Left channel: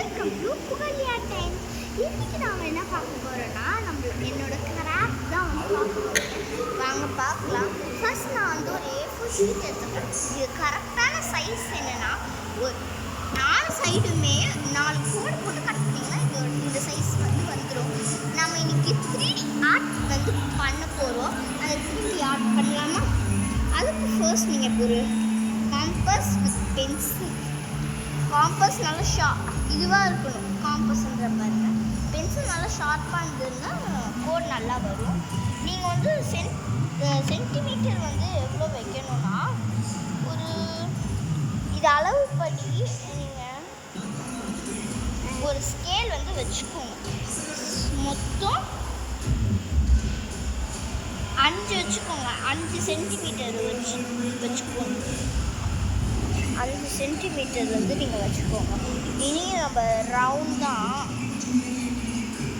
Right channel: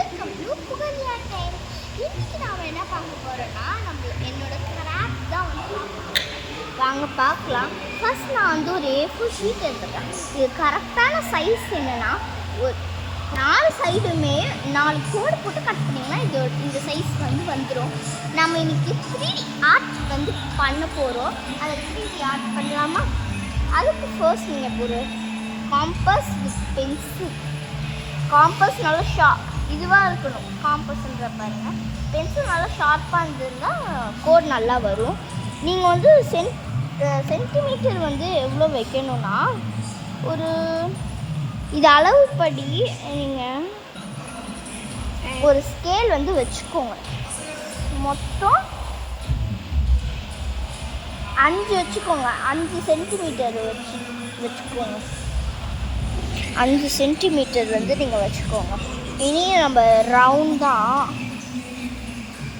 Welcome to புகழியா time. இன்னைக்கு நாம் என்ன பார்க்க போகிறோன்னா என்னோட கிராஃப்ட் தான் வந்து பார்க்க போகிறேன். வாங்க பார்க்கலாம். ஃபர்ஸ்ட் நான் வந்து ஒரு A4 ஷீட் எடுத்துக்கிறேன். இது கரெக்டான சைஸ் என்னென்னா ஒரு 4 சைடுமே 4 கோடு போட்டு கட் பண்ணிங்கன்னா இந்த சைஸ் வந்து வந்துடும். நம்ம இன்னைக்கு 3D ஆர்ட் வந்து பண்ண போகிறோம். அதை 3D ஆர்ட் பண்ணலாமா? அதுக்கு ஃபர்ஸ்ட் நீங்கள் ஒரு காம்பஸ் வித் பென்சில். காம்பஸ் நல்லா இதுவாக இருக்கணும். காம்பஸ்ன்ற பாருங்கள், பென்சில் நல்லா ஷார்ப்பாக இருந்ததுன்னா கோட் நல்லா வரும். நீங்கள் வந்து சென்டிமீட்டர் வந்து எவ்வளோ வைக்கணும்னா ஒரு இது அளவுப்படி நீங்கள் ஒரு ஸ்கேல் வந்து வச்சுக்கோங்க. மொத்தம் 5 வச்சுக்கோங்க. 5 சென்டிமீட்டர் வச்சுக்கோங்க. 5 சென்டிமீட்டர் வந்து நீங்கள் வச்சுக்கோங்க. இனி நம்ம ரவுண்டாக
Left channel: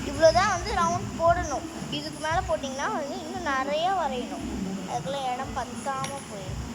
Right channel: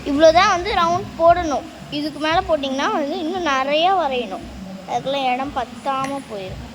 இவ்வளோதான் வந்து ரவுண்ட் போடணும். இதுக்கு மேலே போட்டிங்கன்னா வந்து இன்னும் நிறையா வரையணும். அதுக்கெல்லாம் இடம் பத்தாமல் போயிடும்.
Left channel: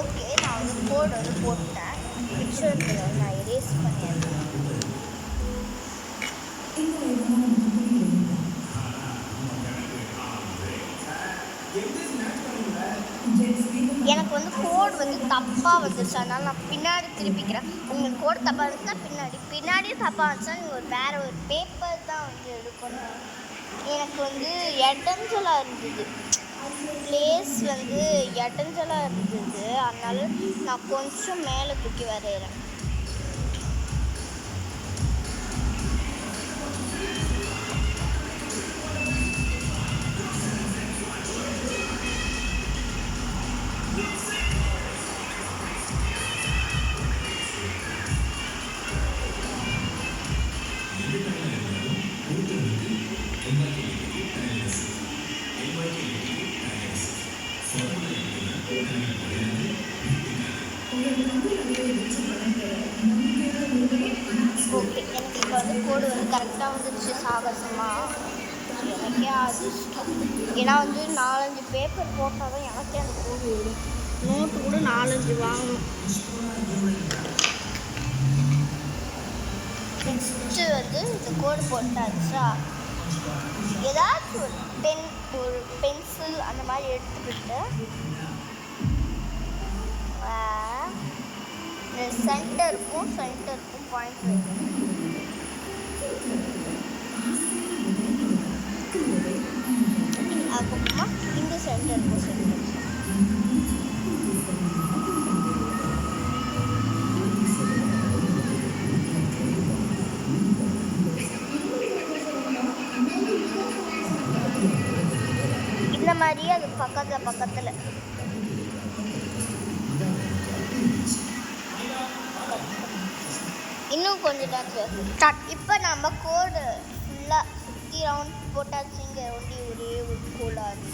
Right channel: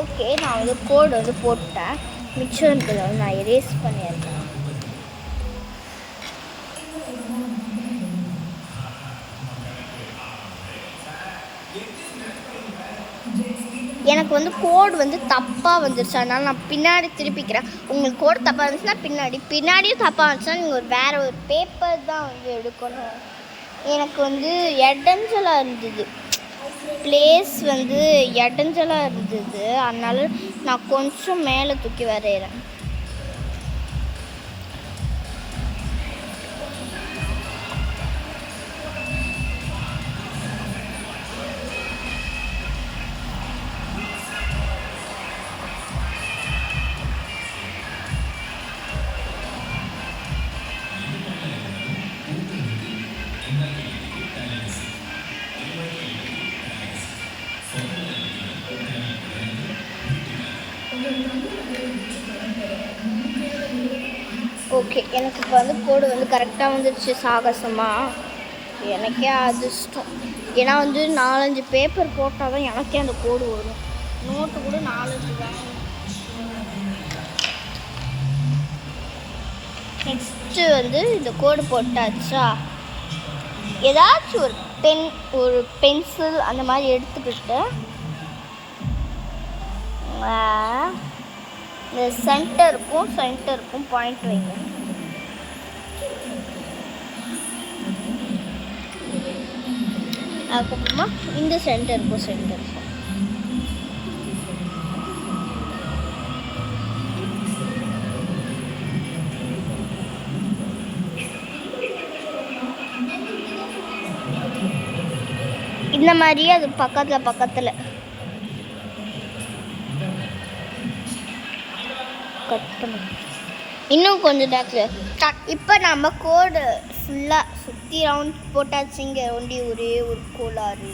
ஓகே, நான் வந்து கோடு வந்து போட்டேன். மிச்சம் இருக்கிறத நான் எரேஸ் பண்ணிடுறேன். எனக்கு வந்து கோடு வந்து தப்பாக வந்துருச்சு, அதனால் நான் பின்னாடி திருப்பிக்கிறேன். உங்களுக்கு கோடு தப்பாக இருந்துச்சுன்னா பின்னாடியும் தப்பாக இருந்துச்சுன்னா நீங்கள் வேறு ஒரு பேப்பர் தான் வந்து எடுக்கணும். எனக்கு வந்து இடைஞ்சலாக இருந்தது, பிளேஸ் வந்து இடைஞ்சலாக இருந்தது. அதனால நான் கொஞ்சம் மேலே தூக்கி வரைகிறேன். ஓகே, எனக்கு இப்போ வந்து கோடு வந்து கரெக்டாக வந்துடுச்சு. சாகசமாக எனக்கே அதிர்ஷ்டம். ஏன்னா வந்து 4-5 பேப்பர் போட்டால் தான் எனக்கே அந்த கோடு வரும். நோட்டு கூட 4-5 வாங்கணும். நெக்ஸ்ட்டு வந்து இந்த கோடு போட்டாச்சா, ஏதாச்சும் ஒரு பென்சில் அந்த மாதிரி எடுத்துக்கிட்டு இந்த சென்டருக்கும் பாயிண்ட் வைங்க. அதுக்கப்புறமா இந்த சென்டர் இந்த மாதிரியே அது பக்கத்தில் கட் பண்ணு. இன்னும் கொஞ்சம் நேரத்தில் இப்போ நம்ம கோடு ஃபுல்லாக சுற்றி ரவுண்ட் போட்டாச்சு. இங்கே ஒரே ஒரு கோளாறு.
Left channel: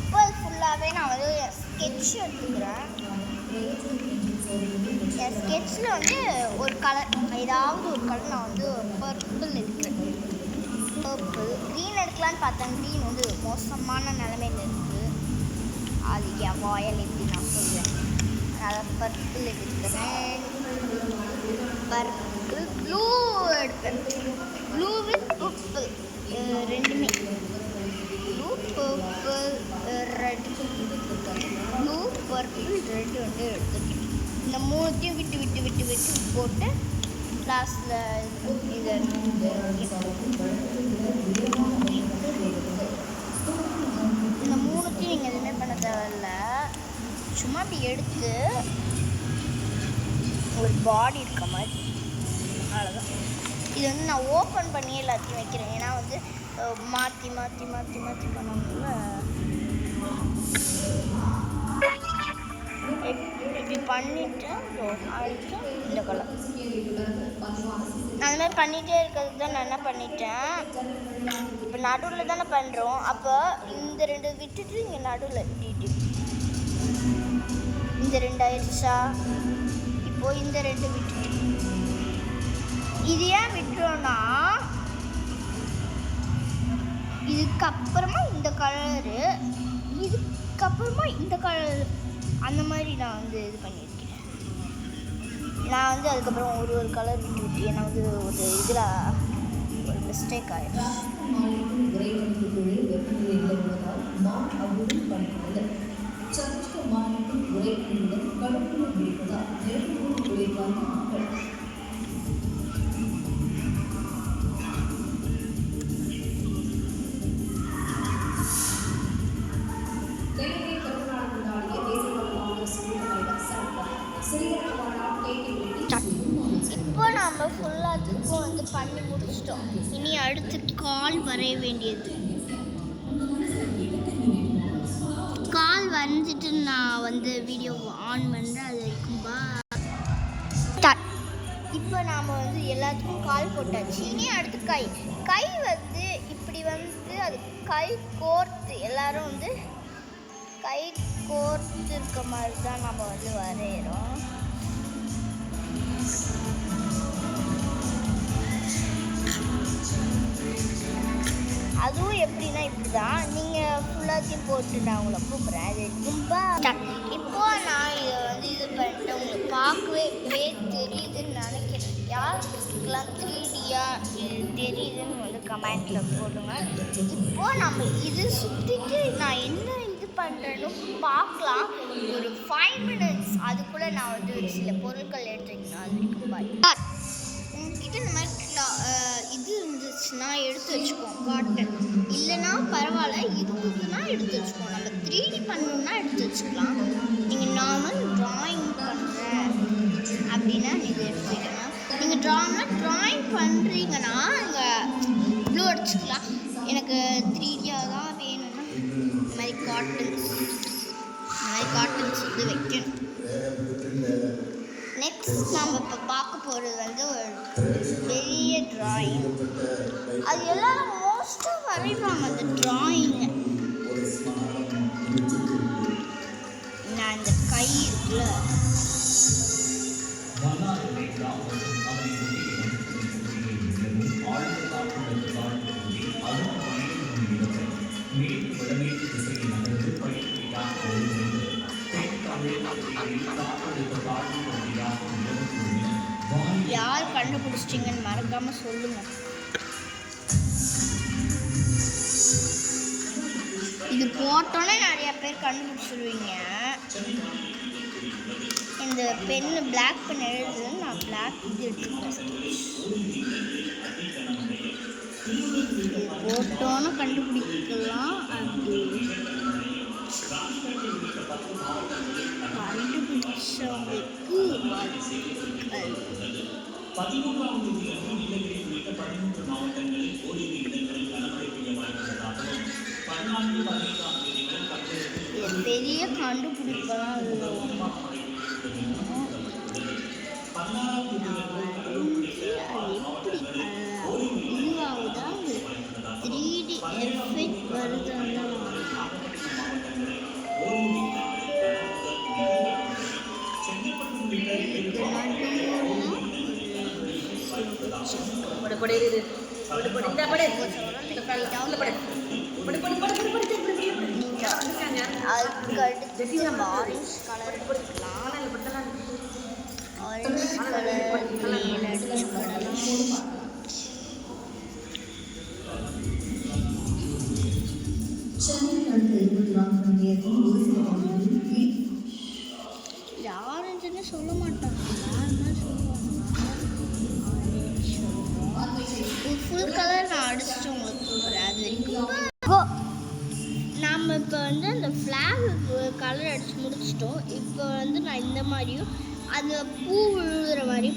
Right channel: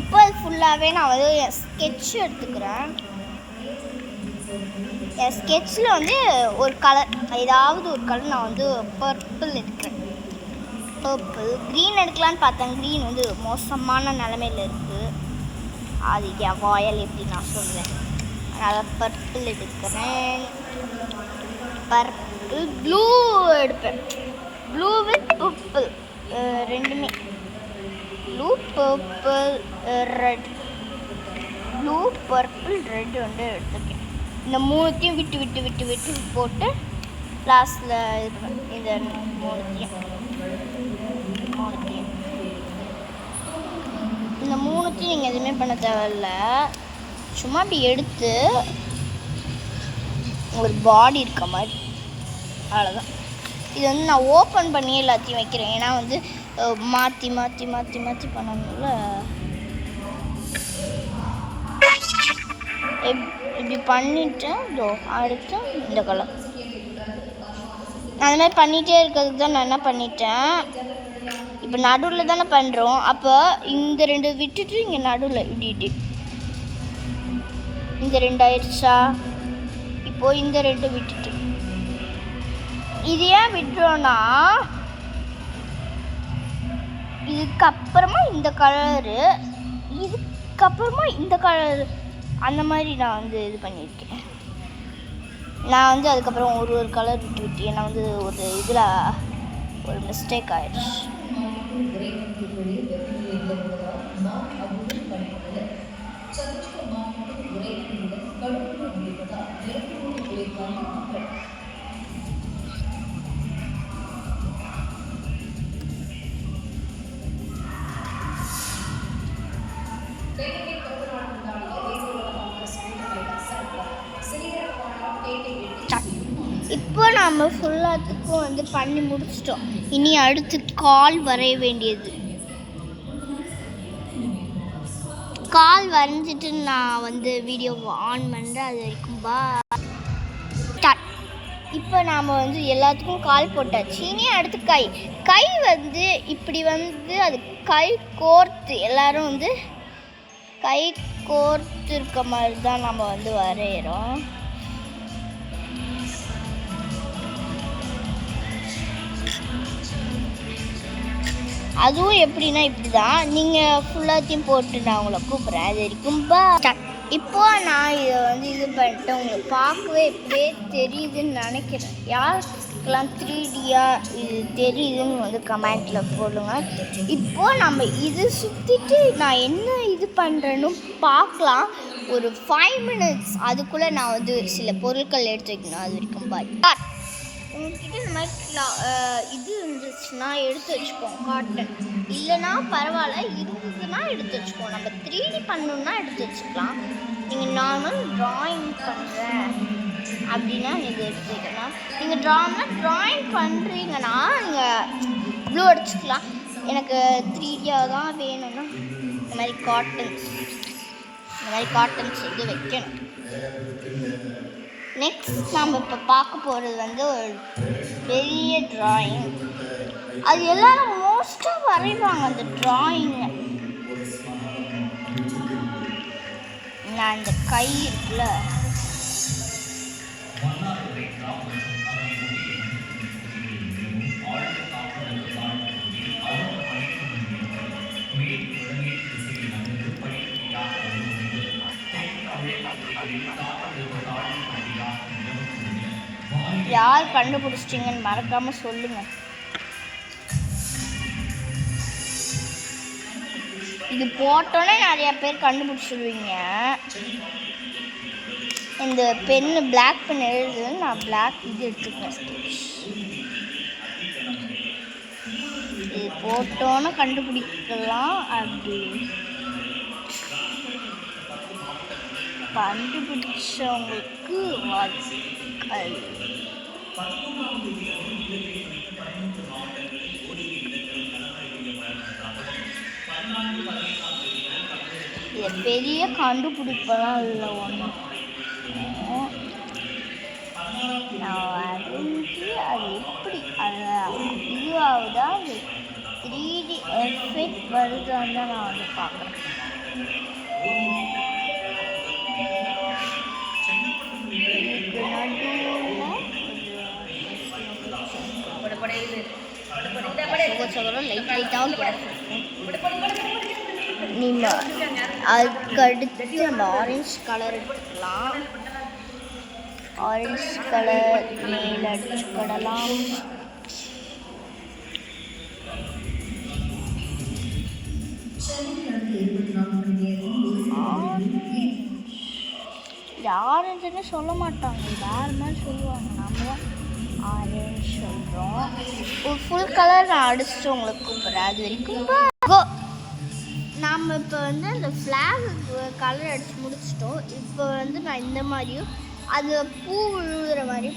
இப்போ அது ஃபுல்லாகவே நான் வந்து என் ஸ்கெட்ச் எடுத்துக்கிறேன். என் ஸ்கெட்சில் வந்து ஒரு கலர், ஏதாவது ஒரு கலர் நான் வந்து பர்பிள் எடுக்கிறேன். க்ரீன் எடுக்கலான்னு பார்த்தேன். க்ரீன் வந்து மோசமான நிலமையில் இருக்குது. அது என் வாயல் எப்படி நான் சொல்லுவேன். அதனால் பர்பிள் எடுக்கிறேன். பர்பிள் ப்ளூ எடுப்பேன். ப்ளூ வித் பர்பிள் ரெண்டுமே. Blue purple red, blue purple red வந்து எடுத்துக்கேன். இந்த மூணுத்தையும் விட்டு போட்டு லாஸ்ட்டில் இந்த மூணுத்தையும் நீங்கள் எதுவுமே பண்ண தேவையில்ல. சும்மா அப்படி எடுத்து ஒரு பாடி இருக்க மாதிரி, அவ்வளோதான். இது வந்து நான் ஓப்பன் பண்ணி எல்லாத்தையும் வைக்கிறேன். ஏன்னா வந்து மாற்றி பண்ணணும்ல. இப்படி பண்ணிவிட்டு அடுத்து இந்த கலர் நான் அந்த மாதிரி பண்ணிகிட்டே இருக்கிறதுக்கு தான் நான் என்ன பண்ணிட்டேன், இப்போ நடுவில் தானே பண்ணுறோம், அப்போ இந்த 2 விட்டுட்டு இங்கே நடுவில் இப்படிட்டு இந்த 2 ஆயிடுச்சா. இப்போது இந்த 2 விட்டுட்டு இது ஏன் விட்டுறோன்னா, இதுக்கப்புறமா இந்த கலரு, இதுக்கப்புறமா இந்த கலரு, அந்த மாதிரி நான் வந்து இது பண்ணியிருக்கேன். நான் வந்து அதுக்கப்புறம் ஒரு கலர் விட்டு ஏன்னா வந்து ஒரு இதில் ஒரு மிஸ்டேக் ஆயிடுச்சு. இப்போ நம்ம ஃபுல்லாத்துக்கும் வந்து பண்ணி முடிச்சிட்டோம். இனி அடுத்து கால் வரைய வேண்டியது. கால் வரைஞ்சிட்டு நான் வந்து வீடியோ ஆன் பண்ணுறேன். அது வரைக்கும் இப்போ நாம் வந்து எல்லாத்துக்கும் கால் போட்டாச்சு. இனி அடுத்து கை வந்து இப்படி வந்து அது கை கோர்த்து எல்லோரும் வந்து கை கோர்த்து இருக்க மாதிரி தான் நம்ம வந்து வரைகிறோம். அதுவும் எப்படின்னா இப்படி தான் நீங்கள் ஃபுல்லாத்தையும் போட்டு நான் உங்களை கூப்பிட்றேன். அது வரைக்கும் இப்போ நான் இதை வந்து இது பண்ணிட்டு உங்களுக்கு பார்க்கவே இப்படியே தெரியுதுன்னு நினைக்கிறேன். யாருக்கெல்லாம் 3Dயாக இது தெரியுதுன்னு வந்து கமெண்ட்டில் போடுங்க. இப்போது நம்ம இது சுற்றிட்டு நான் என்ன இது பண்ணுறேன்னு பார்க்கலாம். ஒரு 5 minutes அதுக்குள்ளே நான் வந்து சில பொருட்கள் எடுத்து வைக்கணும். அது வரைக்கும் பாய். உங்ககிட்ட இந்த மாதிரி இது இருந்துச்சுன்னா எடுத்து வச்சுக்கோம். காட்டன் இல்லைன்னா பரவாயில்ல, இருந்ததுன்னா எடுத்து வச்சுக்கோம். நம்ம 3D பண்ணணுன்னா எடுத்து வச்சுக்கலாம். நீங்கள் நார்மல் ட்ராயிங் பண்ணுறேன் அப்படின்னா நீங்கள் எடுத்துக்கலாம். நீங்கள் ட்ராயிங் பண்ணுறீங்கன்னா நீங்கள் ப்ளூ அடிச்சுக்கலாம். எனக்கு 3Dயாக தான் வேணும்னா இந்த மாதிரி காட்டன்ஸ் வந்து வைக்கணும். நெக்ஸ்ட் நம்ம இப்போ பார்க்க போகிறது வந்து ஒரு பெரிய ட்ராயிங். அது எல்லோரும் மோஸ்ட்டாக வரைவாங்க அந்த ட்ராயிங்கை. நான் இந்த கை இருக்குல்ல, யார் கண்டுபிடிச்சிட்டிங்கன்னு மறக்காமல் சொல்லுங்கள். இது போட்டோன்னே நிறையா பேர் கண்டுபிடிச்சிடுவீங்க. இந்த பென்னு பிளாக் பென் எழுதுன்னு நான் பிளாக் இது எடுத்துக்கிட்டேன். இது போட்டோன்னே கண்டுபிடிக்கலாம். அப்படி கண்டுபிடிச்சவங்களுக்கு வாழ்த்துக்கள். இது பெரிய கண்டுபிடிப்பெல்லாம் இல்லை. நான் வரைஞ்சி அது எப்படி இதுவாகுதா, அது 3D எஃபெக்ட் வருதான்னு தான் நான் வந்து பார்க்குறேன். அதுக்கடுத்து நம்ம ஆரஞ்சு கலர் எடுத்துக்கலாம். ஆரஞ்சு கலர் மேல் அடிச்சுக்கிடலாம். இது ஆரஞ்சுன்னு சொல்ல மாட்டாங்க, வேறு மாதிரி சொல்லுவாங்க. நாங்கள் ஆரஞ்சு சொல்கிறோம். ஒரு ஃபுல் கலர் நான் அடிச்சுட்டு உங்களுக்கு கூப்பிட்றேன். அது வரைக்கும் நாம் இப்போ வந்து அந்த ஃப்ளாக் கலர் அடித்து முடிச்சிட்டோம். இப்போ வந்து நான் இந்த மாதிரியும் அது பூ விழுகிற மாதிரி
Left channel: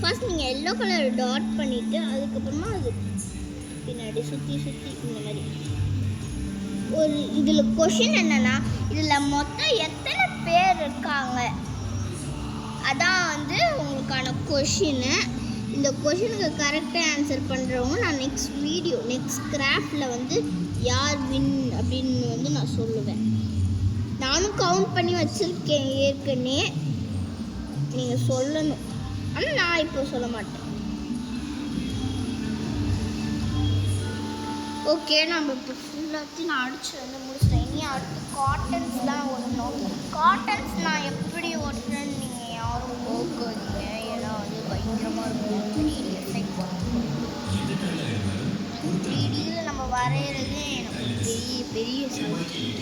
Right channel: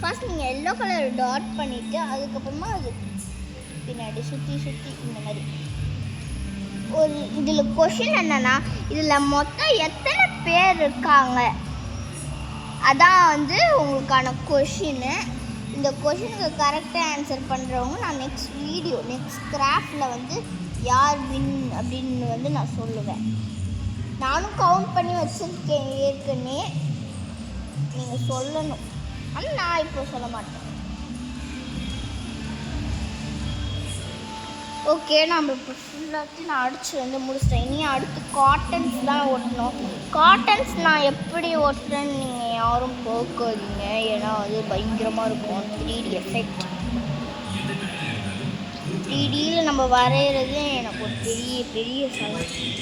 ஃபர்ஸ்ட் நீங்கள் எல்லோ கலர் டாட் பண்ணிவிட்டு அதுக்கப்புறமா அது பின்னாடி சுற்றி இந்த மாதிரி ஒரு இதில் கொஷின் என்னென்னா, இதில் மொத்தம் எத்தனை பேர் இருக்காங்க, அதான் வந்து உங்களுக்கான கொஷின்னு. இந்த கொஷனுக்கு கரெக்டாக ஆன்சர் பண்ணுறவங்க நான் நெக்ஸ்ட் கிராஃப்டில் வந்து யார் வின் அப்படின்னு வந்து நான் சொல்லுவேன். நானும் கவுண்ட் பண்ணி வச்சுருக்கேன் ஏற்கனவே, நீங்கள் சொல்லணும். ஆனால் நான் இப்போ சொல்ல மாட்டேன். ஓகே, நம்ம இப்போ ஃபுல்லாத்தையும் நான் அடித்து வந்து முடிச்சிட்டேன். இனி அடுத்து காட்டன்ஸ் தான் ஒட்டணும். காட்டன்ஸ் நான் எப்படி ஒட்டுறேன்னு நீங்கள் யாரும் போக்காதீங்க, ஏன்னா அது பயங்கரமாக இருக்கும் 3D எஃபெக்ட். 3Dயில் நம்ம வரைகிறது எனக்கு ஒரு பெரிய பெரிய சந்தோஷம்.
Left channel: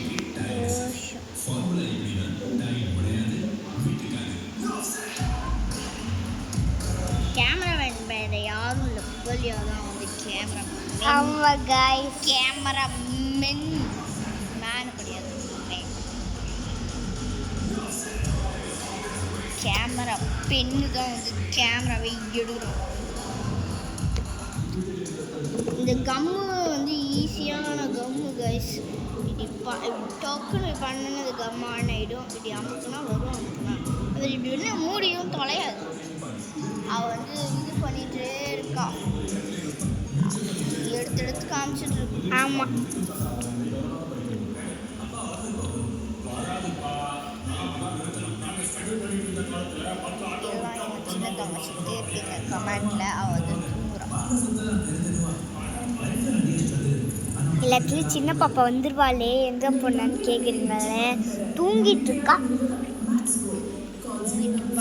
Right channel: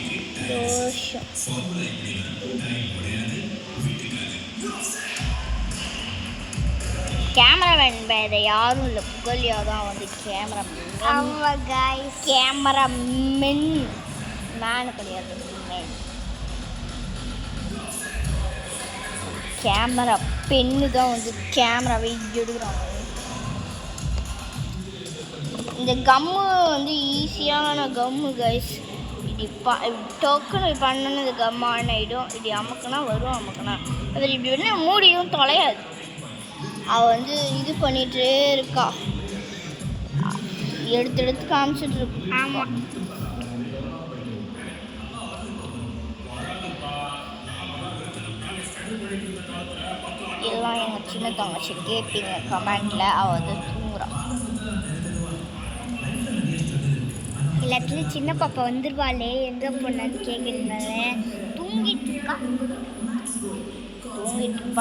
கேமராமேன் வேறு யாரும் இல்லை, புகழியா தான் வந்து கேமராமேன் மேன் கிடையாது, கேமரா பெண்ணு தான் வந்து கேமராவை எடுக்கிறாங்க. இந்த கம்மு வந்து ஈஸியான கம்மு கைஸ். இப்போ டோக்குன்னு பண்ணணும், இது கம் ஆன் ஆகிடும். இப்படி அமுக்குனா வரும், அமுக்குனா அது இப்படி வேணா மூடியும் தொலையாது. அவள் வந்து இது பண்ணிகிட்டே இருக்கா, எடுத்து காமிச்சிட்டு இருக்கு. ஆமாம், எல்லாம் எனக்கு சின்ன தங்கச்சி கேட்பீங்க கமெண்டில். அவள் வந்து தூங்குறான். எல்லாத்துலேயும் சின்ன பாப்பா வந்துருவாளே, எங்கே போனான்னு கேட்குறீங்களே. தூங்கிட்டு இருக்கா.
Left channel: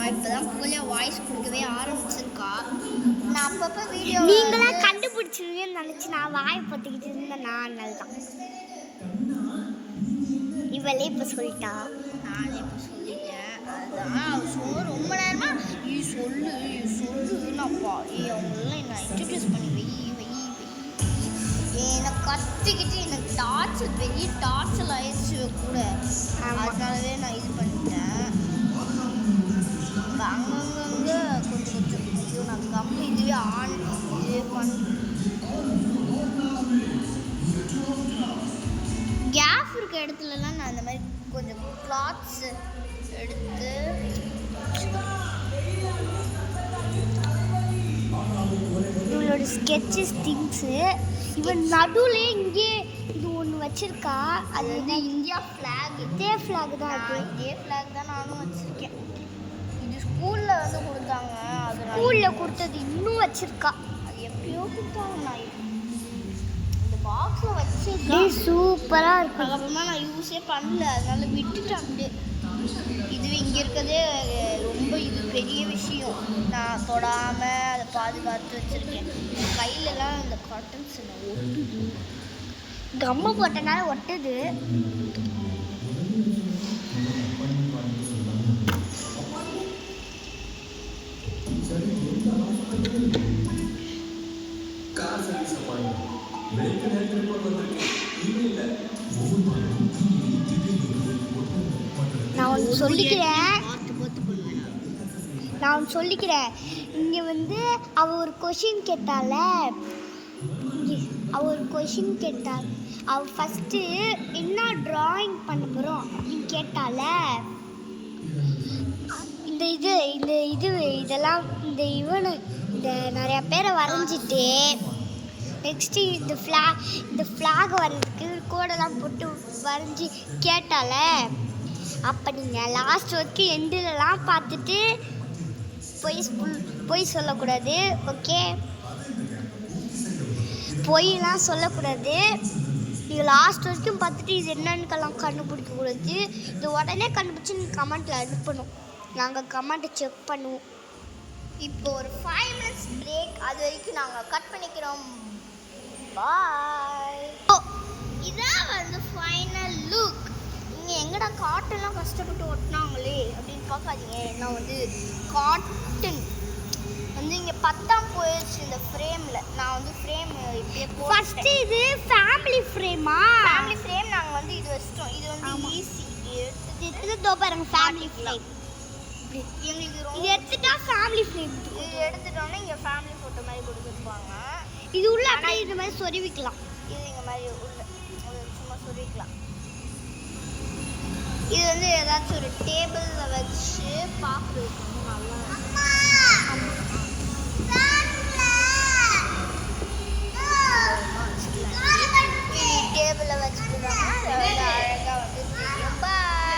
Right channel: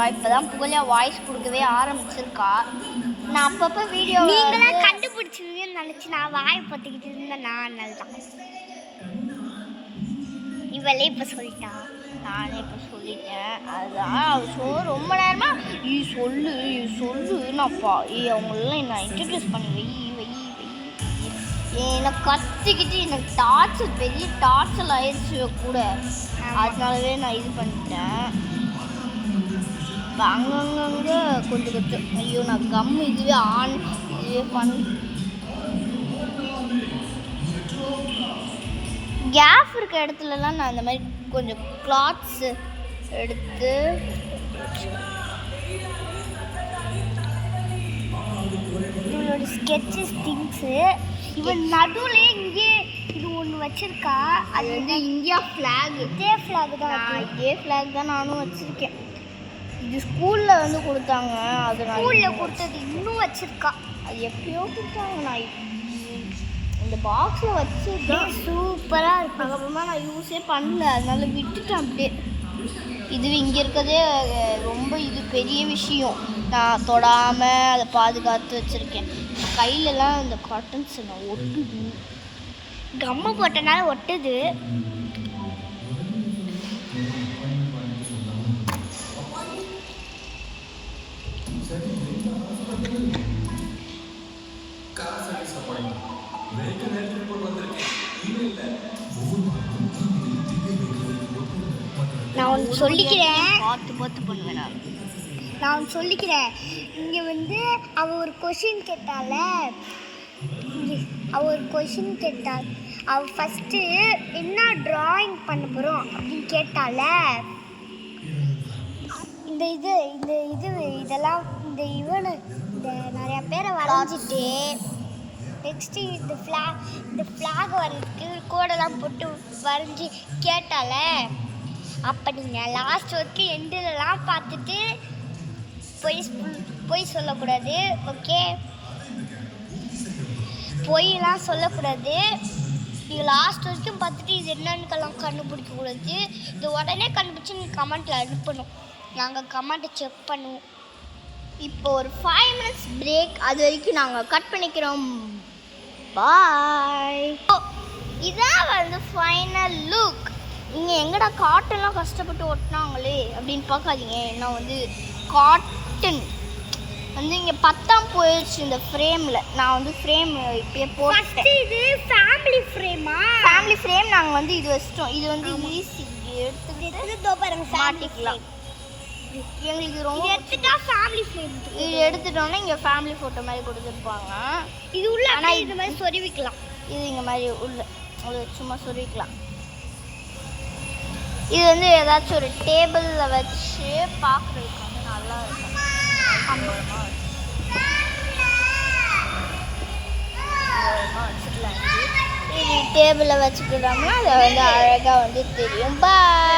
இப்போ தான் புகழியா வாய்ஸ் கொடுக்கவே ஆரம்பிச்சிருக்கா. நான் அப்பப்போ வீடியோ நீங்களாம் கண்டுபிடிச்சிருவீங்கன்னு நினச்சி நான் வாயை பார்த்துக்கிட்டு இருந்தேன். நான் தான் இவளே இப்போ சொல்லிட்டா, நானே இப்போ சொல்லிட்டேன். அதுதான் அவள் ரொம்ப நேரமாக சொல்லு நான்ப்பா அவங்களெல்லாம் நான் இன்ட்ரடியூஸ் பண்ணி வை எனக்கு கற்றுக்கிட்டு எனக்கு டார்ச்சர் பெரிய டார்ச்சர் ஆயிடுச்சு கூட. அதனாலவே நான் இது பண்ணிட்டேன். அங்கங்கே கொஞ்சம் ஐயோ நான் கம்மு இதுவே பண்ணி கேப் இருக்க இடத்துலலாம் நான் இந்த மாதிரி கொஞ்சம் கிளாத்ஸ் எடுத்து இவளோட ஸ்கெட்சஸ் திங்ஸு. இவன் நடுவில் இங்கே இது ஒன்று வச்சுருக்கா. அது வந்து இந்தியா ஃப்ளாக். இதே ஃப்ளாக் தான், அது இதே ஃப்ளாக் தான் நானும் வச்சுருக்கேன். இது ஸ்கூலில் வந்து கொடுத்தாங்க. அது ஸ்கூலில் கொடுத்தது இன்னும் வச்சுருக்கா. அது எப்பயோ கொடுத்தாங்க. நான் இந்த பாக்ஸை வச்சு சூப்பராக இருக்கும். அப்புறமா நான் யூஸே பண்ணல, அதனால விட்டுட்டேன் அப்படியே. இது இங்கே இருக்கிறதே ரொம்ப இது பெரிய விஷயம். நான் தொடாமல் அதை பாதுகாத்து வச்சுருக்கேன். கையிலலாம் இந்த காட்டன்ஸ் நான் ஒட்டுது, கம்மு போட்டனால ஒட்டுது. நான் ஒன்று சொல்லிக்கிறேன், பார்த்து பண்ணுவேன். நான் ஒன்று சொல்லிக்கிறேன். இங்கே வந்து அவள் ஒரு கொஷின் கேட்டாள். அவள் ஃபஸ்ட்டு என்ன ட்ராயிங் பண்ண போகிறோம் அப்படின்னு கேட்டால. இதெல்லாம் இந்த நிறையா பேரை வரைஞ்சிட்டு நெக்ஸ்ட்டு இந்த ஃப்ளாக் வரைகிறதுக்கு கோடெல்லாம் போட்டு வரைஞ்சி கேட்டால. அப்போ நீங்கள் லாஸ்ட் வரைக்கும் எண்டிலலாம் பார்த்துட்டு பொய் சொல்லக்கூடாது. ஓகே, பொய்லாம் சொல்லக்கூடாது. நீங்கள் லாஸ்ட் வரைக்கும் பார்த்துட்டு இது என்னன்னுக்கெல்லாம் கண்டுபிடிக்கக்கூடாது. இது உடனே கண்டுபிடிச்சி நீங்கள் கமெண்ட்டில் அனுப்பணும். நாங்கள் கமெண்ட்டை செக் பண்ணுவோம். இப்போ ஒரு 5 minutes பிரேக். அது வரைக்கும் நாங்கள் கட் பண்ணிக்கிறோம். பாய். இதான் வந்து ஃபைனல் லுக். நீங்கள் எங்கடா காட்டன்லாம் கஷ்டப்பட்டு ஒட்டினாங்களே அப்படின்னு பார்க்காதீங்க. ஏன்னா வந்து காட்டன் வந்து இங்கே 10ஆம் போயிடுச்சு இந்த ஃப்ரேமில். நான் வந்து ஃப்ரேம் இப்போயே போட்டு. இது ஃபேமிலி ஃப்ரேமா? ஃபேமிலி ஃப்ரேம் நாங்கள் வந்து இது வச்சிட்டோம். இது வந்து ஈஸி எடுத்து பாருங்க. ஃபேமிலி ஃப்ரேம் எங்களுக்கு ரொம்ப எடுத்துட்டா ஃபேமிலி ஃப்ரேம் இது எடுத்துட்டோன்னா இங்கே ஃபேமிலி ஃபோட்டோ மாதிரி கொடுத்துருப்பாங்க. இது உள்ள அப்படியே இது மாதிரி சொருவிக்கலாம். இது இங்கே மாதிரி உள்ள சும்மா சொருவிக்கலாம். இது வந்து ஏதாச்சும் ஒரு டேபிளில் வச்சு பார்க்குறதுக்கு வந்து நல்லா இருக்கும். டேபிளில் வச்சுக்கிட்டோம்னா அதை வந்து அழகாக வந்து தெரியும். பாய்.